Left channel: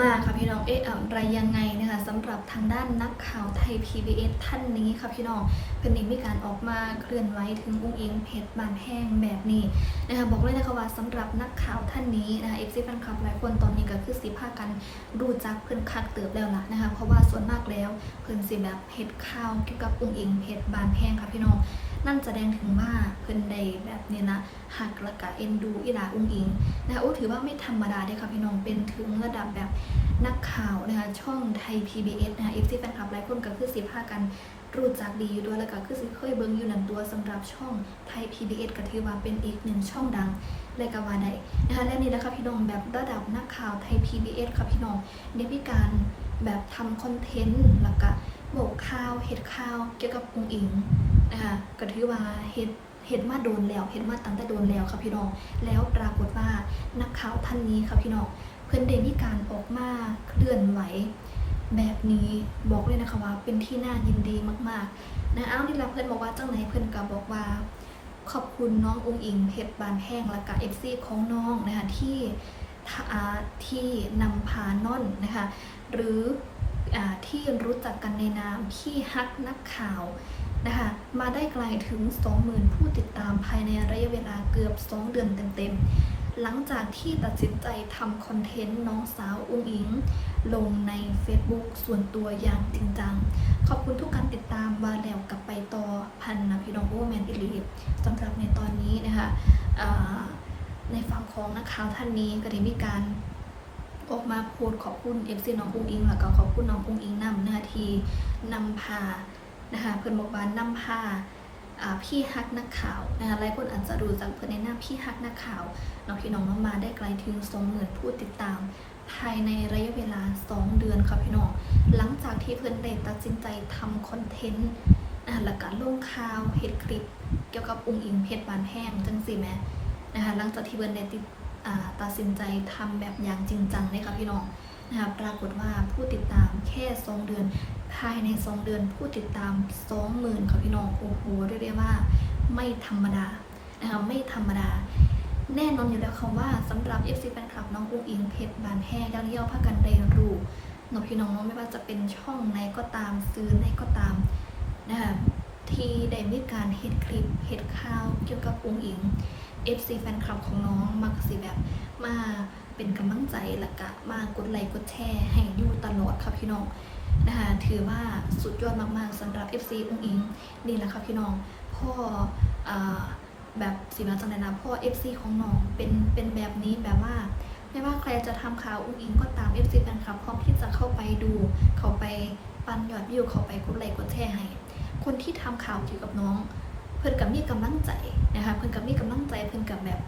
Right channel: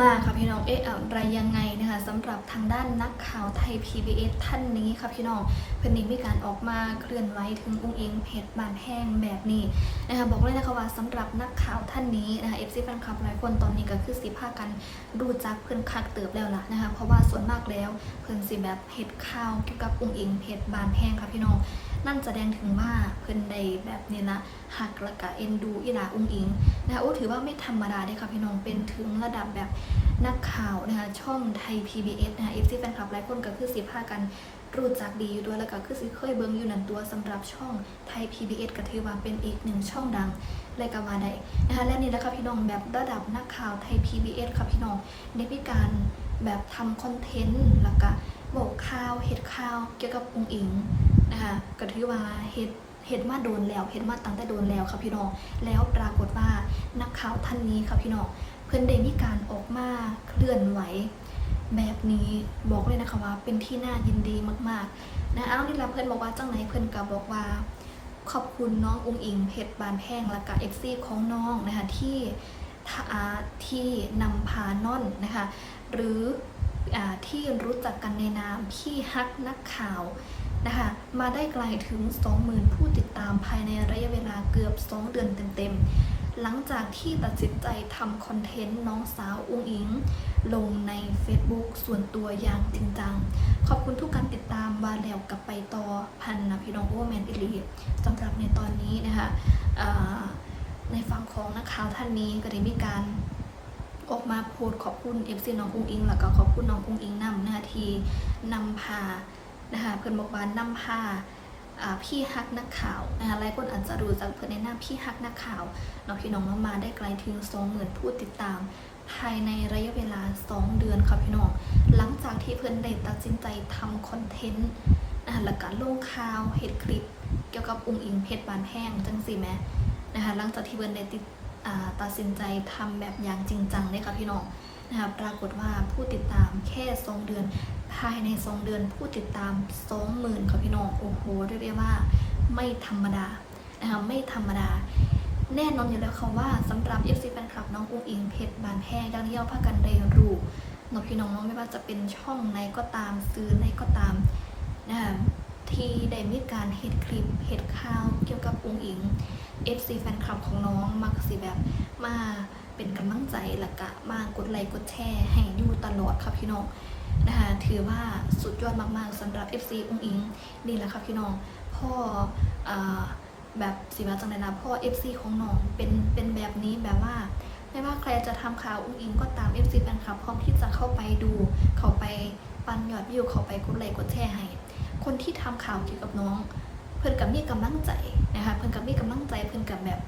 มาค่ะพี่น้องเอ๊ะอะไรยังไงนะคะสำหรับทางด้านนักข่าวไทย PBS ท่านนี้ค่ะพี่น้องเพิ่นเองมีการออกมาเคลื่อนไหวถึงอุ้งอิงเพจบานแห้งแบบนี้นะคะบอกเลยนะคะว่าสำหรับนักข่าวท่านนี้นะคะเอฟซีแฟนคลับหลายคนตอนนี้ก็คือสิพากันรู้จักเพิ่อนคักเติบแล้วล่ะนะคะเพราะว่าส่วนมากแล้วเพิ่อนสิแบบเฮ็ดข่าวเกี่ยวกับอุ้งอิงเพจบานแห้งค่ะพี่น้อง นั่นแสดงถึงว่าเพิ่นได้แบบนี้นะหักละกะเอ็นดูอีหลาอุ้งอิงนะคะโอ้ถือว่าไม่ธรรมดาเด้ค่ะพี่น้องเป็นถึงระดับแบบนักข่าวนะคะช่องไทย PBS นะคะ FC แฟนคลับหลายคนก็คือสิพากันรู้จักดีอยู่ด้วยแล้วก็คือสิเคยเบิ่งอยู่นั่นตัวสำหรับช่องไทย PBS ก็ถือว่าเป็นอีกหนึ่งช่องดังเลยก็ว่าได้นะคะและนี่แหละค่ะพี่น้องแบบระดับนักข่าวไทย PBS ค่ะพี่น้องได้มีการแบบทำคอนเทนต์แล้วก็ บอกข่าวเฮ็ดข่าวเกี่ยวกับอุงอิงนะคะก็ถือว่าเฮ็ดเฮ็ดมาโดนแล้วเฮ็ดมาตั้งแต่โดนแล้วค่ะพี่น้อง แล้วปรากฏว่านักข่าวท่านนี้ค่ะพี่น้อง เพื่อนได้มีการออกมาเคลื่อนไหว แบบนี้บอกเลยนะคะว่าเป็นที่น่ายินดีมากๆ นะเอานี่ละเพื่อนบอกว่าจังไหนเพื่อนก็บอกว่า ขอบคุณน้ององอิงเพชรบานแห้งและก็เอฟซีของน้องนะคะที่ท่าที่นำพาน่อนนะคะหรือ ที่รู้จักกันในนามพี่ฮักนักข่าวนะคะมาได้ไกลถึง 20,000 ผู้ติดตามภายในระยะเวลาเกือบ 2 เดือนเต็มๆ หลังจากที่ตัดสินใจทำคอนเทนต์น้องสาวอุ้งอิง ลงใน Facebook ส่วนตัวอย่างจริงจัง ขอบคุณทุกการติดตามวาแล้วกับไปต่อพันนะพี่น้องโอแมนอิลีสำหรับในตอนนี้นะคะในฝั่งของนักข่าวท่านนี้ก็ได้มีการ ออกมาโพสขอบคุณเอฟซีน้องอุ้งอิง แล้วก็ขอบคุณน้องอุ้งอิงนำนะคะที่นำพานะคะเพื่อนบอกว่านำพาพี่ฮักนักข่าวนะคะหลายคนอาจจะรู้จักเพื่อนในหน้าพี่ฮักนักข่าวน้องพี่น้องน้องมาได้ไกลถึง20,000ผู้ติดตาม ภายในระยะเวลา 2 เดือนค่ะพี่น้องหลังจากที่เพื่อนได้ตัดสินใจทำคอนเทนต์อ่าแล้วก็ลงข่าวเห็ดคลิป เกี่ยวกับองค์อิงเพชรบานแห้งจังสิแหมนะคะหลังจากที่เพื่อนได้ติด ตัดสินใจทำแบบอย่างจริงจังเลยค่ะพี่น้องนะคะปรากฏว่าผู้ติดตามแค่2เดือน ภายใน2เดือนผู้ติดตาม20,000ค่ะพี่น้องโอ้โหเรียกได้ว่าไม่ธรรมดานะคะไม่ธรรมดา แน่นอนอยู่แล้วค่ะว่าสำหรับ FC แฟนคลับน้องอุ้งอิงเพชรบานแห้งดังที่เราพากันได้รู้นพี่น้องเน้องไม่ว่าจะเป็นช่องไหนก็ตามซื้อไหนก็ตามนะคะที่ได้มีการเฮ็ดคลิปเฮ็ดข่าวเกี่ยวกับอุ้งอิง FC แฟนคลับของน้องมักสิแบบมาเป็นกำลังใจและกะมากดไลค์กดแชร์ให้อยู่ตลอดค่ะพี่น้องนะคะถือว่าสุดยอดมากๆสำหรับ FC อุ้งอิงนี่แหละค่ะพี่น้องพ่ออแบบสิว่าจังไดนะพ่อ FC ของน้องเป็นเป็นแบบนี้แบบว่าไม่ว่าใครจะทำข่าวอุ้งอิงก็ตาม FC แฟนคลับพร้อมที่จะเข้าไปดู เข้าไปปันยอดวิวเข้าไปกดไลค์กดแชร์ให้ คนที่ทำข่าวเกี่ยวกับน้อง พื่อนกับมีกำลังใจนะคะเพื่อนกับมีกำลังใจเพื่อนกับแบบ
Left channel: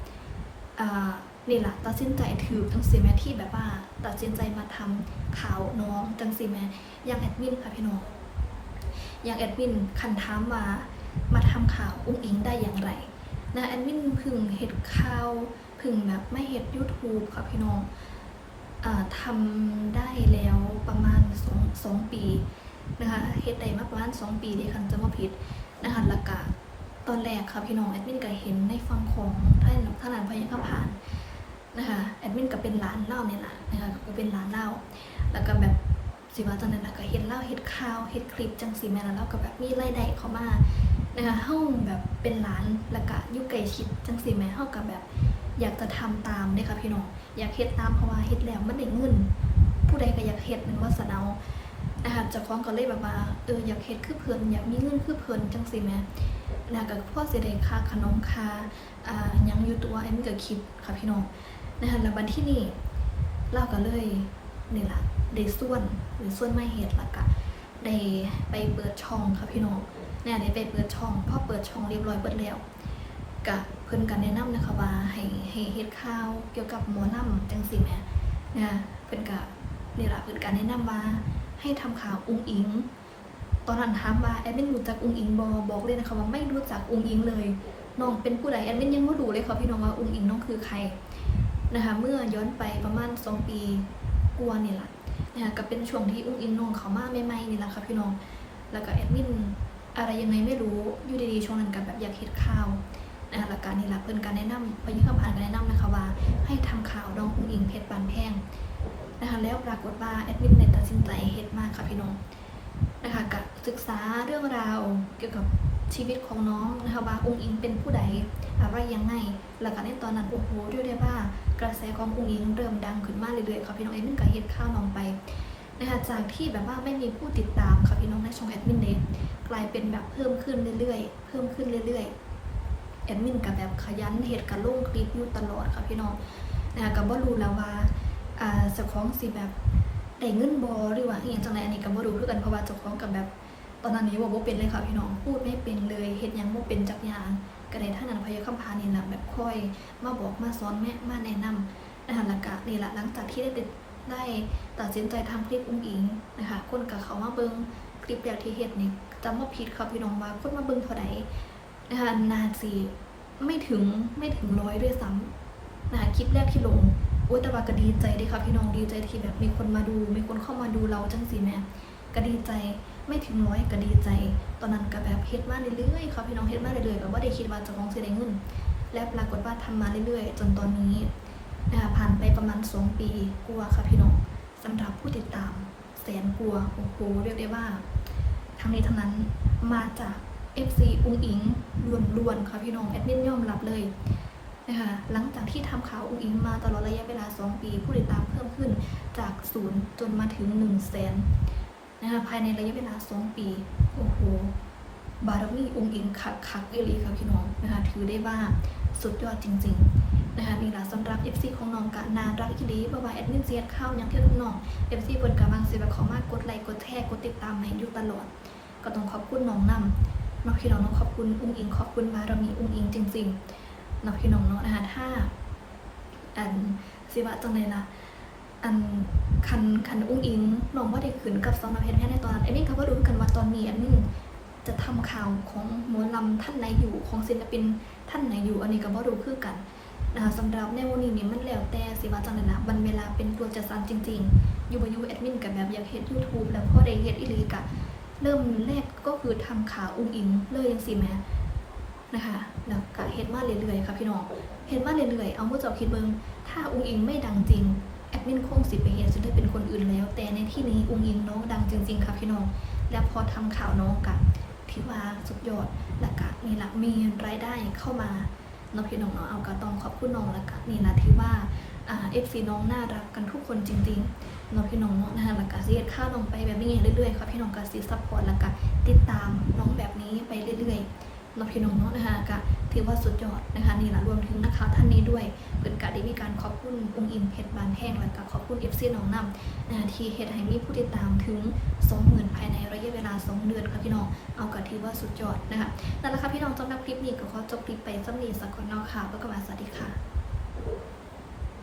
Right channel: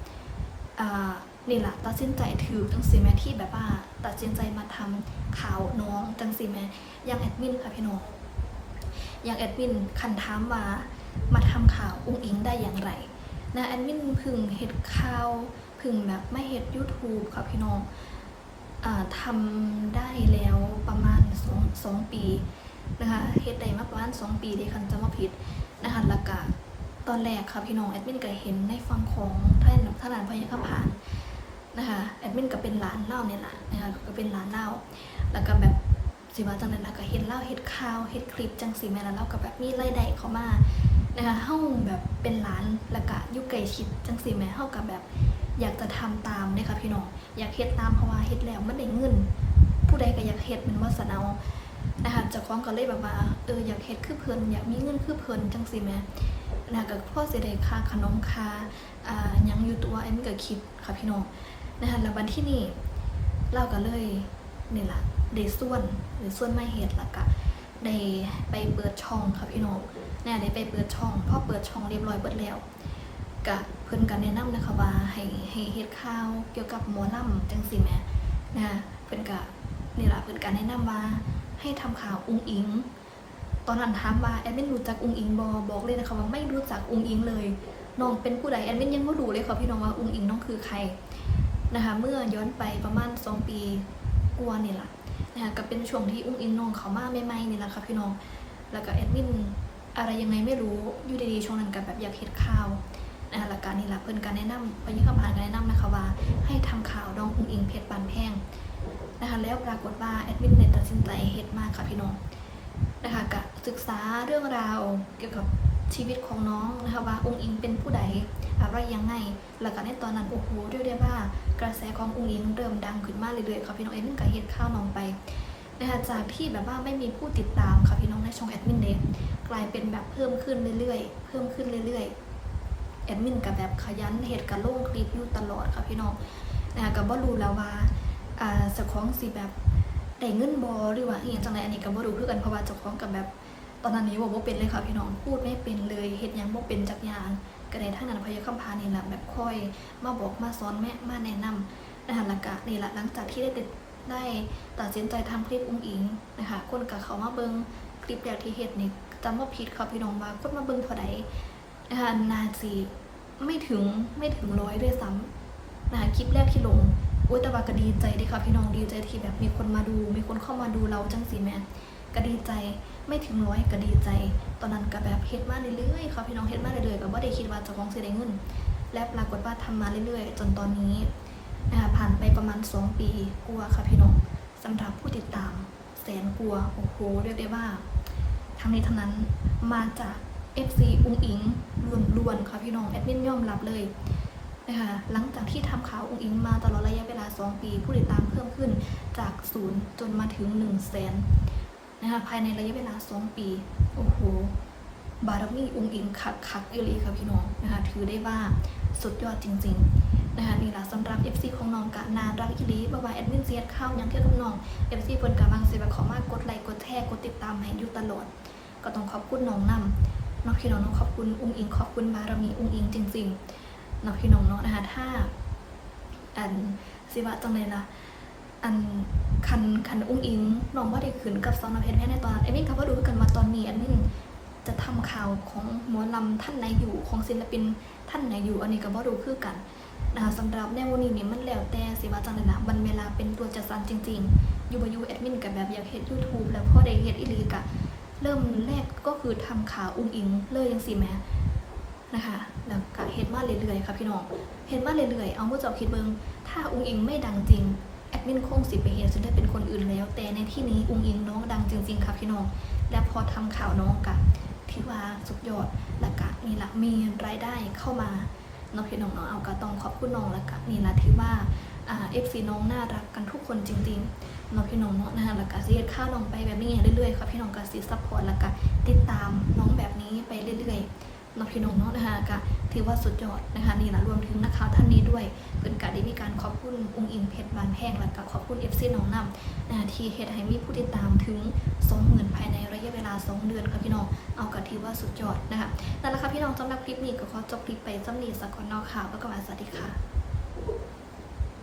อ่านี่แหละตัดสินใจถือจังสีแม่ที่แบบว่าตัดสินใจมาทำข่าวน้องจังสีแม่อย่างแอดมินค่ะพี่น้องอย่างแอดมินคันถามมามาทำข่าวอุ้งอิงได้อย่างไรนะแอดมินพึ่งเห็ดข่าวพึ่งแบบไม่เห็ด YouTube ค่ะพี่น้องอทำได้แล้วประมาณสองสองปีนะคะเฮ็ดได้มาประมาณสองปีที่คันจะมาผิดนะคะแล้วก็ ตอนแรกค่ะพี่น้องแอดมินก็เห็นในฟังของท่านท่านานพยาข้าผ่านนะคะแอดมินก็เป็นร้านเล้าเนี่ยแหละนะคะก็เป็นร้านเล้าแล้วก็แบบสิว่าจังนั้นนะก็เห็นเล่าเห็ดข่าวเห็ดคลิปจังสีแม่แล้วเราก็แบบมีรายได้เข้ามานะคะเฮาแบบเป็นร้านแล้วก็ยุไก่ชิดจังสีแม่เฮากับแบบอยากจะทำตามเนี่ยค่ะพี่น้องอยากเฮ็ดตามเพราะว่าเฮ็ดแล้วมันได้เงิน ผู้ใดก็อยากเฮ็ดเป็นวาสนานะคะจะคล้องก็เลยแบบว่าเอออยากเฮ็ดคือเพลินอยากมีเงินคือเพลินจังสีแม่ นะคะก็พ่อเสิได้ค่าขนมค่าอ่ายังอยู่ตัวไอ้มันก็คิดค่ะพี่น้องนะคะแล้วบัดที่นี่เราก็เลยนี่แหละได้ส่วนหรือส่วนไม่เหตุละกะได้ไปเปิดช่องค่ะพี่น้องเนี่ยได้ไปเปิดช่องพอเปิดช่องเรียบร้อยเปิดแล้วกะเพิ่นกันแนะนำนะคะว่าให้ให้เฮ็ดข่าวเกี่ยวกับหมอลำจังสิแม่นะเพิ่นกะนี่แหละเพิ่นกันแนะนำว่าให้ทำข่าวอุ้งอิง ตอนนั้นถามว่าแอดมินรู้จักอุงอิงบอบอกเลยนะคะว่าไม่รู้จักอุงอิงเลยน้องเป็นผู้ใดแอดมินยังไม่รู้เลยค่ะพี่น้องว่าอุงอิงน้องคือใครนะคะเมื่อย้อนไปประมาณสองปีกว่านี่แหละนะคะก็เป็นช่วงที่อุ้งอิงน้องเขามาใหม่ๆนี่แหละค่ะพี่น้องแล้วก็แอดมินอะไรยังไงไม่รู้อยู่ดีๆช่วงนั้นกับแบบอยากเห็ดข่าวนะคะหลักการนี่แหละเพื่อนการแนะนำไปยิ่งคำผ่านการแนะนำนะคะว่า ให้ทำข่าวดองอุ้งอิงเพชรบานแพงนะคะแล้วปรากฏว่าแอดมินเลยตัดสินใจเฮ็ดมากค่ะพี่น้อง นะคะกะศึกษาเรื่องราวเกี่ยวกับชีวิตของน้องนะคะว่าองค์อิงเป็นผู้ใดอะไรยังไงแล้วก็ในตอนนั้นโอ้โหเรียกได้ว่ากระแสขององค์อิงเริ่มดังขึ้นมากเรื่อยๆค่ะพี่น้องแอดมินก็เฮ็ดข้าวน้องไปนะคะจากที่แบบว่าไม่มีผู้ติดตามค่ะพี่น้องในช่องแอดมินเดกลายเป็นแบบเพิ่มขึ้นเรื่อยๆ เพิ่มขึ้นเรื่อยๆแอดมินกับแบบขยันเหตุการลงคลิปอยู่ตลอดค่ะพี่น้องนะคะก็บ่รู้แล้วว่าอ่าเจ้าของสิแบบ ได้เงินบอหรือว่าอย่างจังไรอันนี้ก็บ่รู้คือกันเพราะว่าเจ้าของกับแบบตอนนั้นนี้ว่าบ่เป็นเลยค่ะพี่น้องพูดไม่เป็นเลยเฮ็ดยังบ่เป็นจักอย่างก็ได้ทั้งนั้นพยาคำพานี่แหละแบบค่อย มาบอกมาสอนแม่มาแนะนำนะคะแล้วก็นี่แหละหลังจากที่ได้ติดได้ตัดสินใจทำคลิปอุ้งอิงนะคะคนกับเขามาเบิ่งคลิปแรกที่เฮ็ดนี่จำว่าผิดค่ะพี่น้องว่าคนมาเบิ่งเท่าใดนะคะนาซีไม่ถึงไม่ถึงร้อยด้วยซ้ำนะคะคลิปแรกที่ลง อ้ยแต่ว่าก็ดีใจด้ค่ะพี่น้องดีใจที่แบบมีคนมาดู มีคนเข้ามาดูเราจังสีแม่ก็ดีใจไม่ถึงร้อยก็ดีใจ ตอนนั้นก็แบบเฮ็ดมาเรื่อยๆค่ะพี่น้องเฮ็ดมาเรื่อยๆก็บ่ได้คิดว่าจะของสิได้เงิน และปรากฏว่าทำมาเรื่อยๆ จนตอนนี้นะคะผ่านไปประมาณ 2 ปีกว่าค่ะพี่น้องสำหรับผู้ติดตามแสนกว่าโอ้โหเรียกได้ว่าทั้งนี้ทั้งนั้นมาจาก FC อุ้งอิงล้วนๆค่ะพี่น้องแอดมินยอมรับเลย นะคะหลังจากที่ทำข่าวอุ้งอิงมาตลอดระยะเวลา 2 ปี ผู้ติดตามเพิ่มขึ้นจากศูนย์จนมาถึง1 0 0 0 0แสนนะคะภายในระยะเวลา 2 ปี โอ้โห บารมีอุ้งอิงคักคักเอลีค่ะพี่น้องนะคะถือได้ว่าสุดยอดจริง ๆนะคะนี่แหละสำหรับ FC ของน้องกะนารักอีลีบ่ว่าแอดมินเสียดเข้ายังเที่ยวกับน้อง FC เพิ่นกะมังสิว่าขอมากกดไลค์กดแชร์กดติดตามให้อยู่ตลอด ก็ต้องขอบคุณน้องนำน้องพี่น้องน้องขอบคุณอุ้งอิงขอบคุณบารมีอุ้งอิงจริง ๆ น้องพี่น้องเนาะนะคะถ้าอันสิว่าจังเลยนะอันคันคันอุ้งอิงน้องว่าได้ขืนกับซอนอเพชรแม่ในตอนเอมินเขาก็รู้กันว่าตอนนี้อันนี้จะทำข่าวของหมอลำท่านไหนอยู่ของศิลปินท่านไหนอยู่อันนี้ก็บ่รู้คือกันนะคะสำหรับในวันนี้นี่มันแล้วแต่สิว่าจังเลยนะวันเวลาเป็นตัวจัดสรรจริง ๆ อยู่บยูแอดมินกับแบบอยากเฮ็ด YouTube แล้วพอได้เฮ็ดอีลีกะเริ่มแรกก็คือทำข่าวอุ้งอิงเลยยังสิแม่ นะคะแล้วก็เฮ็ดมาเรื่อยๆค่ะพี่น้องเฮ็ดมาเรื่อยๆเอามือเจ้าคิดเบิงถ้าอุ้งอิงไม่ดังจริงแอดมินคงสิไปเฮ็ดจนได้เป็นคนอื่นแล้ว แต่ในที่นี้อุ้งอิงน้องดังจริง ๆค่ะพี่น้อง แล้วพอทำข่าวน้องกะที่ว่าสุดยอดแล้วก็นี่ละมีรายได้เข้ามาน้องพี่น้องเนาะเอาก็ต้องขอบคุณน้องแล้วก็นี่ละที่ว่าเอ่า FC น้องน่ารักกันทุกคนจริงๆน้องพี่น้องเนาะนะคะแล้วก็สิเฮ็ดข้าวน้องไปแบบนี้เรื่อยๆค่ะพี่น้องก็สิซัพพอร์ตแล้วก็ติดตามน้องแบบนี้ไปเรื่อยๆ น้องพี่น้องเนาะนะคะก็ถือว่าสุดยอดนะคะนี่ละรวมถึงนักข่าวท่านนี้ด้วยเพิ่นก็ได้มีการขอบคุณองค์อิงเพชรบานแพงและก็ขอบคุณ FC น้องนำนะคะที่เฮ็ดให้มีผู้ติดตามถึง20,000ภายในระยะเวลา 2 เดือนค่ะพี่น้องเอาก็ถือว่าสุดยอดนะคะนั่นแหละค่ะพี่น้องสำหรับคลิปนี้ก็ขอจบคลิปไปสำนีสักก่อนเนาะค่ะแล้วก็มาสวัสดีค่ะ